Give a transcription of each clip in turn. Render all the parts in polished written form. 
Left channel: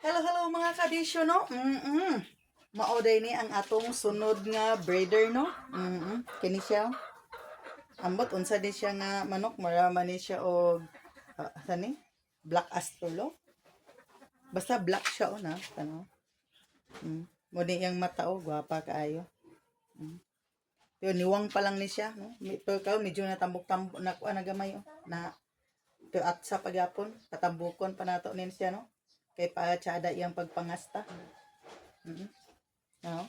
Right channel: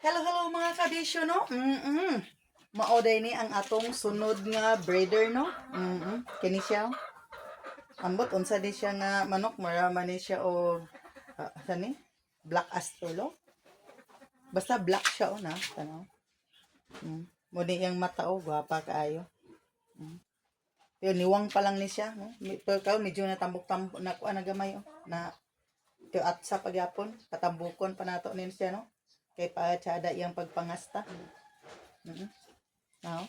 Hello mga kabisyo, no? Maoday ni ang atong sunod nga breeder, no? Kini siya. Ambot, unsa di siya nga manok. Marama ni siya o, sani? Black Astolo. Basta black siya, o na. Ano? Muni yung mata, o. Gwapa kaayo. Pero niwang pa lang ni siya, no? Pero medyo natambok-tambok na kuha na gamay, o. Na, pero at sa pagyapon, katambukon pa nato nin siya, no? Kay pa tsada yung pagpangasta. No?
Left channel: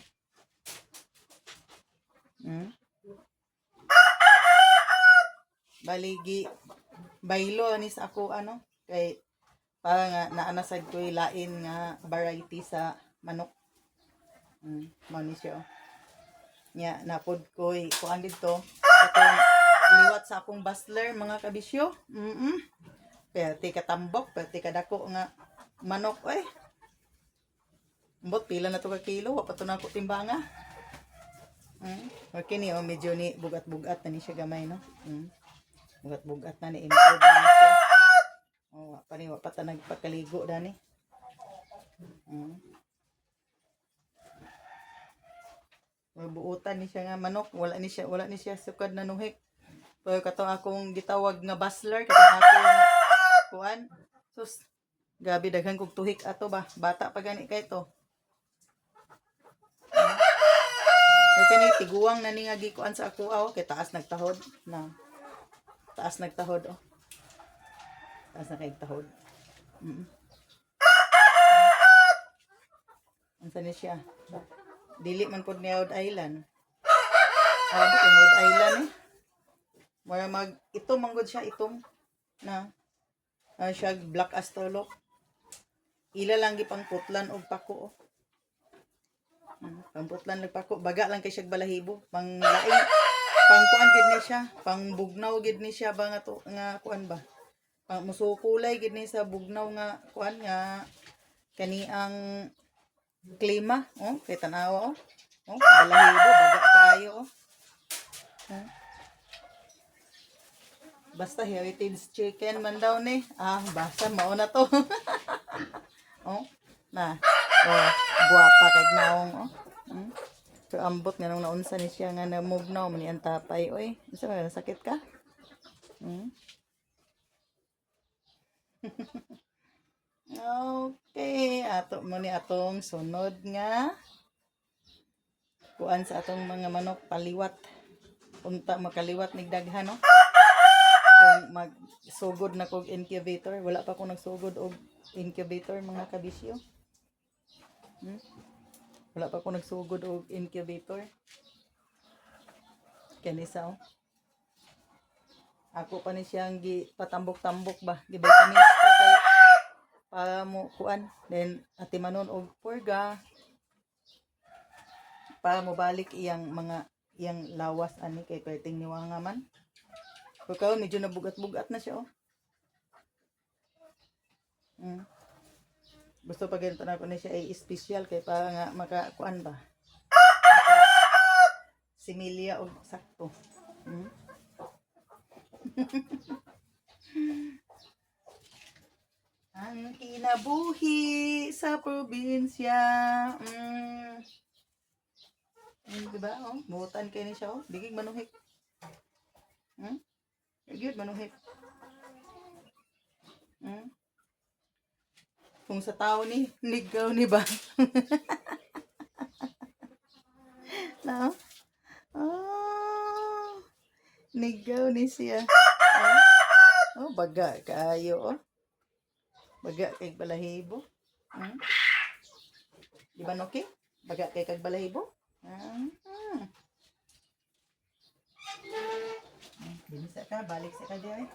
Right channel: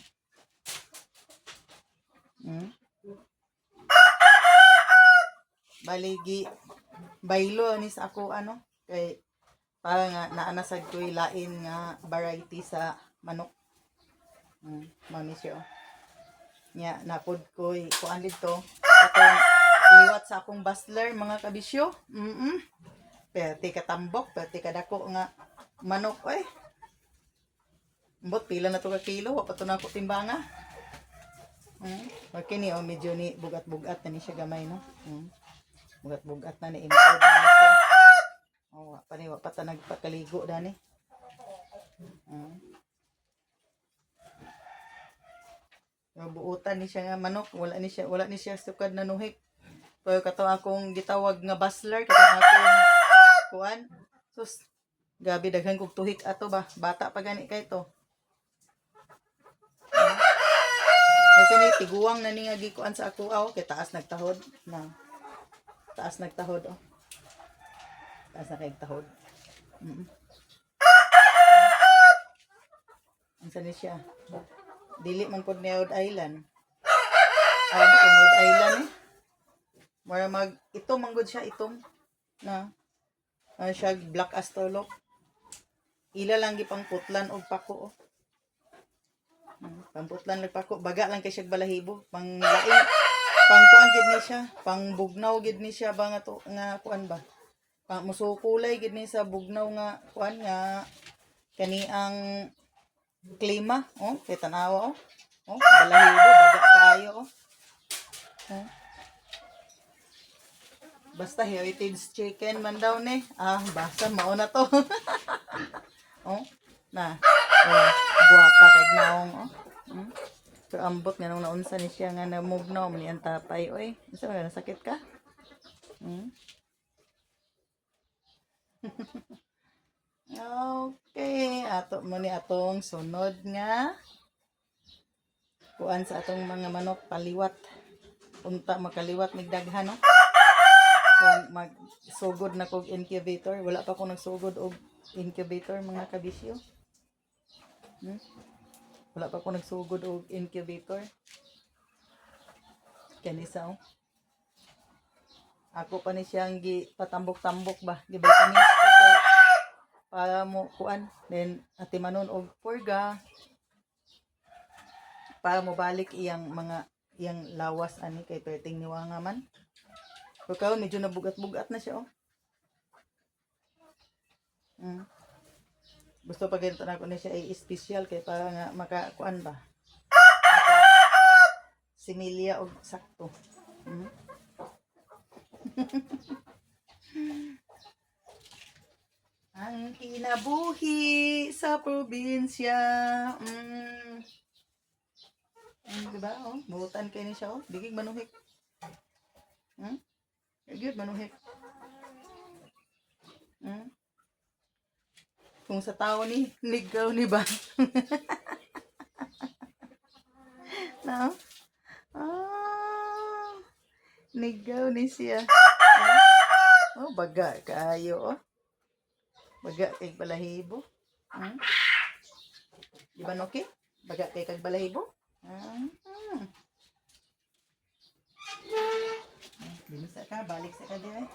Baligi baylo ni sa ako ano kay para nga naanasad ko lain nga variety sa manok. Mani siya. Nya napod ko kuan dito katong liwat sa akong bustler mga kabisyo. Perti katambok, perti kadako nga manok oy. Mbot pila na to ka kilo, wa pa to na ko timbanga. Okay ni medyo ni bugat-bugat na ni siya gamay no. Bugat-bugat na ni import na siya. Oh, wa pa ta nagpakaligo dani. Buutan ni siya nga manok, wala ni siya sukad na nuhik. Pero kato akong gitawag nga bustler, kato akong kuan. Sus, gabi daghan kog tuhik ato ba, bata pa gani kay to. Okay ni tiguang na ni nga gikuan sa ako aw kay taas nagtahod na. Taas nagtahod oh. Taas na kay tahod. Ang sani siya. Dili man pod ni Rhode Island. Rhode Island eh. Mura itom manggod siya itom na siya black astolok. Ila lang gipang putlan og pako oh. Pamputlan lang pako, baga lang kay siya balahibo. Pang laing pang kuan gid ni siya, pang bugnaw gid ni siya ba nga to nga kuan ba. Pang musukulay gid ni sa bugnaw nga kuan nga kani ang klima oh, kay tanawa oh. Oh, balahibo baga kaayo oh. Basta heritage chicken man daw ni. Basta mao na to. Oh, na. Oh, guwapa kay naong oh. So ambot nga nung naunsa ni siya nga na-move na man ang tapay oy. Unsa man sakit ka? Okay, ato mo ni atong sunod nga kuan sa atong mga manok paliwat. Unta makaliwat nigdaghan no. Kung magsugod na kog incubator, wala pa ko nagsugod og incubator mga kabisyo. Wala pa ko nagsugod og incubator. Kanisa oh. Ako pa ni siyang patambok-tambok ba, gi-vitamins ko kay para mo kuan, then atimanon og purga para mo balik iyang lawas ani kay perting niwanga man. Pero medyo nabugat-bugat na siya oh. Gusto pa ganito na ko ni siya ay special kay para nga makakuan ba. Similya og sakto. Ang kinabuhi sa probinsya. Diba? Oh, buutan kayo ni siya. Oh. Digig manuhik. Digig manuhik. Kung sa tao ni, ligaw ni ba? No? Oh, ligaw ni siya. Oh, baga kaayo oh. Baga kay balahibo. Di ba okay? Baga kay kag balahibo? Binisa ka, balik sa ka diay.